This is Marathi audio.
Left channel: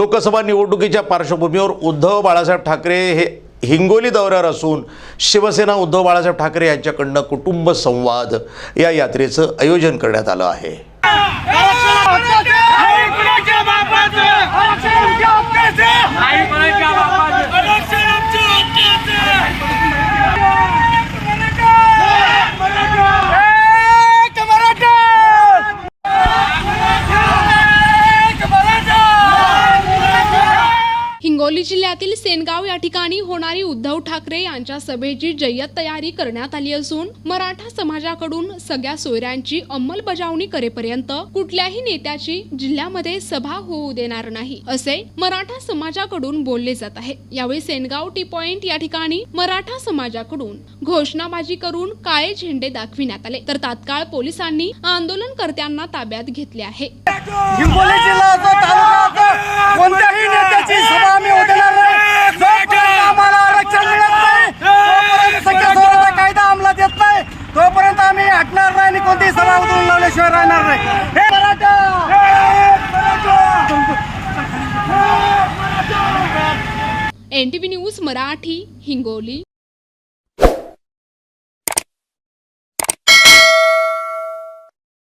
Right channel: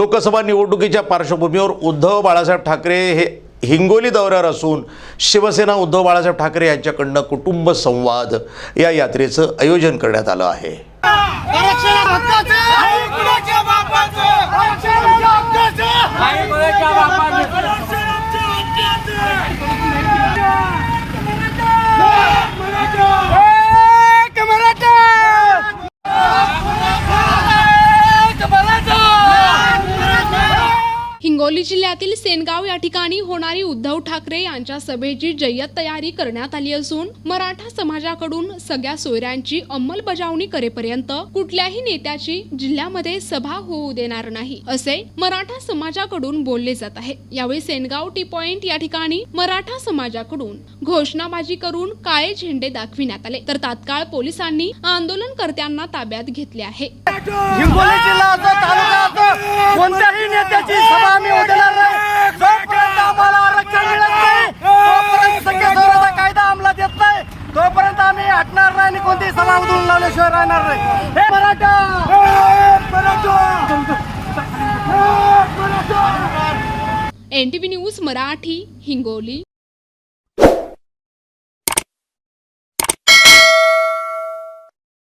लोकसभा निवडणुकीच्या पार्श्वभूमीवर उद्धव बाळासाहेब ठाकरे हे हिंगोली दौऱ्यावर असून शिवसेना उद्धव बाळासाहेब ठाकरे यांच्याकडनं कुटुंब संवाद या यात्रेचं आयोजन करण्यात आलं आहे। हिंगोली जिल्ह्यातील सेनगाव या ठिकाणी होणारी उद्धव ठाकरे यांच्या सभेची जय्यत तयारी करण्यात आली असून मराठा समाजाकडून सगळ्या सोयऱ्यांची अंमलबजावणी करेपर्यंत कुठल्याही नेत्याची जिल्ह्यामध्ये सभा होऊ देणार नाही असे मराठा समाजाकडून बोलले जात आहे। यावेळी सेनगाव टी पॉइंट या ठिकाणी मराठा समाजाकडून घोषणाबाजी करून काळे झेंडे दाखविण्यात आले, तर तात्काळ पोलिसांनी आंदोलनकर्त्यांना ताब्यात घेतले आहे। हिंगोली जिल्ह्याचा तालुका कोणत्याही नेत्याची सभा आम्ही उधळणार नाही। जोपर्यंत आम्हाला आरक्षण मिळत नाही, तोपर्यंत सगळ्या कायदा अंमलात येत नाही, तोपर्यंत आम्ही हटणार नाही आणि कोणतीही सभा उधळून लावल्याशिवाय राहणार नाही। हे मराठा NTV न्यूज मराठी, हिंगोली।